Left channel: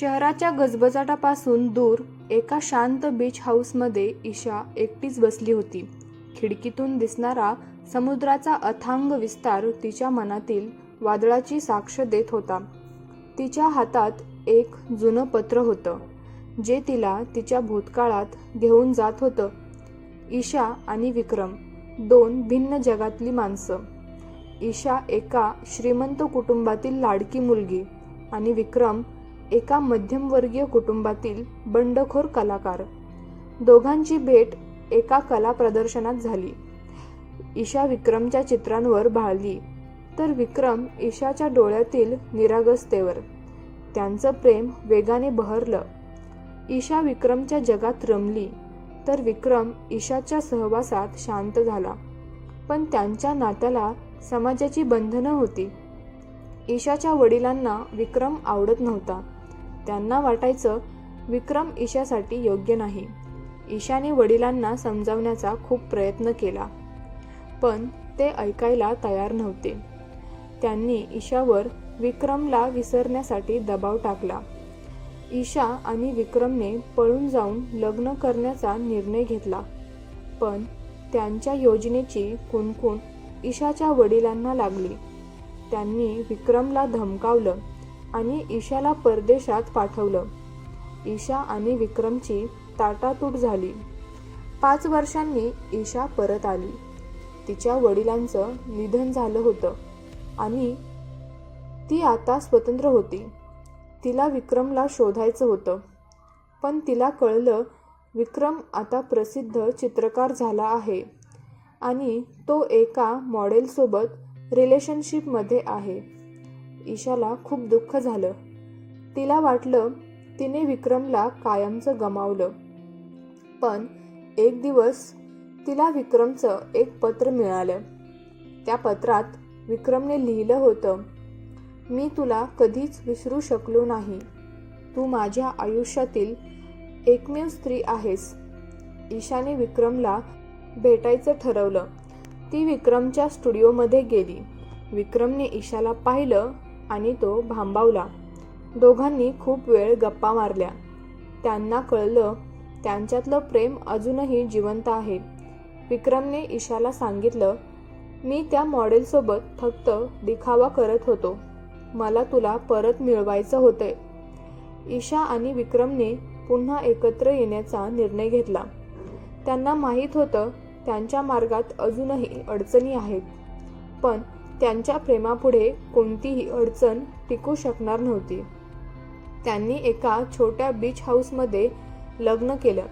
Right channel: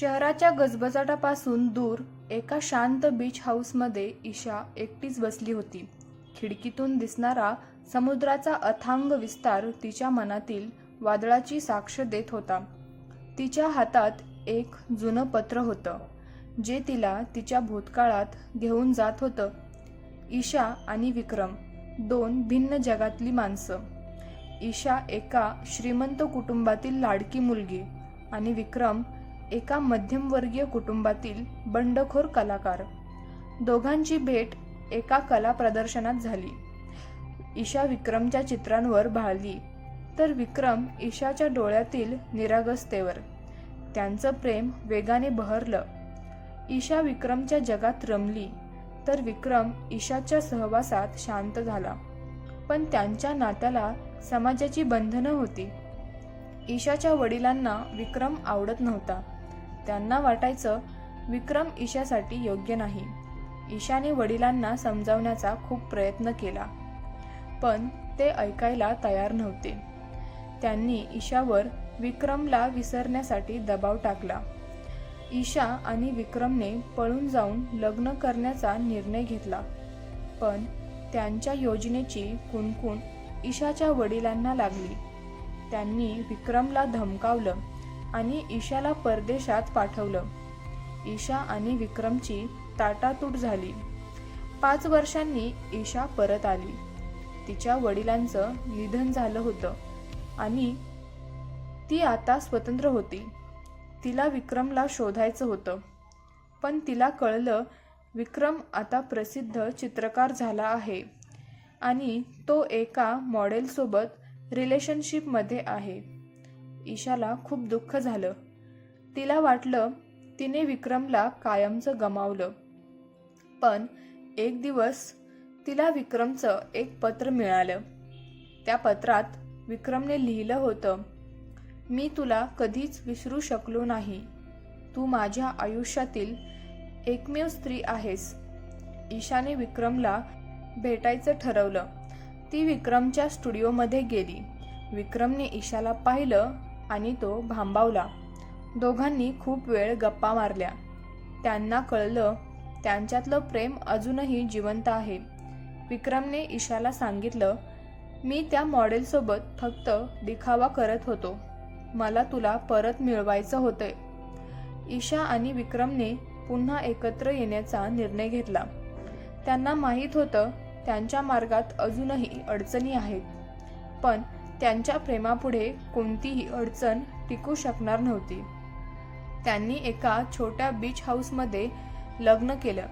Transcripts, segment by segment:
शहराच्या गजबजाटापासून दूर एका शांत बीच हाऊसमध्ये ईशा एकटीच बसली होती. खिडकीतून दिसणारा समुद्राचा अथांग विस्तार तिच्या मनातील वादळाची साक्ष देत होता. तिच्या हातात एक जुनं पत्र होतं जे तिला तिच्या भूतकाळात घेऊन जात होतं. ईशा आणि विक्रम दोन भिन्न जगातली माणसं. ईशा एका श्रीमंत कुटुंबातील लाडकी मुलगी आणि विक्रम एका मध्यमवर्गीय कुटुंबातील बंडखोर कलाकार. दोघांची भेट एका कला प्रदर्शनात झाली. ईशा विक्रमच्या चित्रांवर भाळली. तर विक्रम ईशाच्या डोळ्यातील निरागसतेवर. त्यांचं प्रेम वेगाने बहरलं. ईशा विक्रमच्या जगात रमली. तर विक्रम ईशाच्या सहवासात शांत झाला. पण त्यांच्या नात्याला समाजाची बंधनं होती. ईशाच्या वडिलांना विक्रम आवडत नव्हता. त्यांना वाटायचं विक्रम ईशासाठी योग्य नाही. ईशाने वडिलांना समजावण्याचा खूप प्रयत्न केला. पण ते ऐकायला तयार नव्हते. त्यांनी ईशावर विक्रमला विसरण्यासाठी दबाव टाकला. ईशा आणि विक्रमने पळून जाऊन लग्न करण्याचा निर्णय घेतला. पण त्यांच्या योजनेची कुणकुण ईशाच्या वडिलांना लागली. त्यांनी विक्रमला धमकावलं आणि ईशाला परदेशात पाठवलं. ईशा आणि विक्रमची ताटातूट झाली. पाच वर्षांनी ईशा परत आली. तिच्या वडिलांचं निधन झालं होतं आणि ती आता स्वतंत्र होती. तिला विक्रमला शोधायचं होतं. पण तिला कळलं विक्रम आता प्रसिद्ध चित्रकार झाला आहे आणि तो एका मॉडेलसोबत रिलेशनशिपमध्ये आहे. ईशाला खूप दुःख झालं. तिला वाटलं तिने विक्रमला कायमचं गमावलं. पण एक दिवस तिला विक्रमचं एक पत्र मिळालं. त्या पत्रात विक्रमने लिहिलं होतं मी तुला कधीच विसरू शकलो नाही. तू माझ्या आयुष्यातील एकमेव स्त्री आहेस. ईशाने विक्रमला भेटायचं ठरवलं. ती विक्रमच्या स्टुडिओमध्ये गेली. विक्रमने ईशाला पाहिलं आणि तो भांबावला. दोघांनी खूप वेळ गप्पा मारल्या. त्यांना कळलं त्यांच्यातलं प्रेम अजूनही जिवंत आहे. विक्रमने ईशाला सांगितलं मी त्या मॉडेलसोबत फक्त दिखावा करत होतो. मला तुला परत मिळवायचं होतंय. ईशा आणि विक्रमने पुन्हा एकत्र येण्याचा निर्णय घेतला. त्यांना माहीत होतं त्यांच्या मार्गात अजूनही अडचणी आहेत. पण त्यांच्या प्रेमापुढे कोणतीही अडचण टिकू शकणार नव्हती. त्यांनी एका छोट्या बीच हाऊसमध्ये लग्न केलं.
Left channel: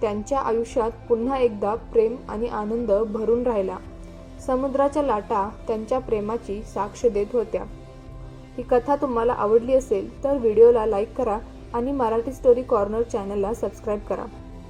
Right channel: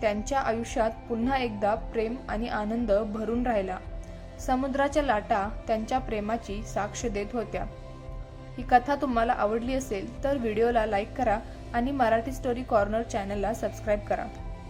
त्यांच्या आयुष्यात पुन्हा एकदा प्रेम आणि आनंद भरून राहिला. समुद्राच्या लाटा त्यांच्या प्रेमाची साक्ष देत होत्या. ही कथा तुम्हाला आवडली असेल तर व्हिडिओला लाईक करा आणि मराठी स्टोरी कॉर्नर चॅनलला सबस्क्राईब करा.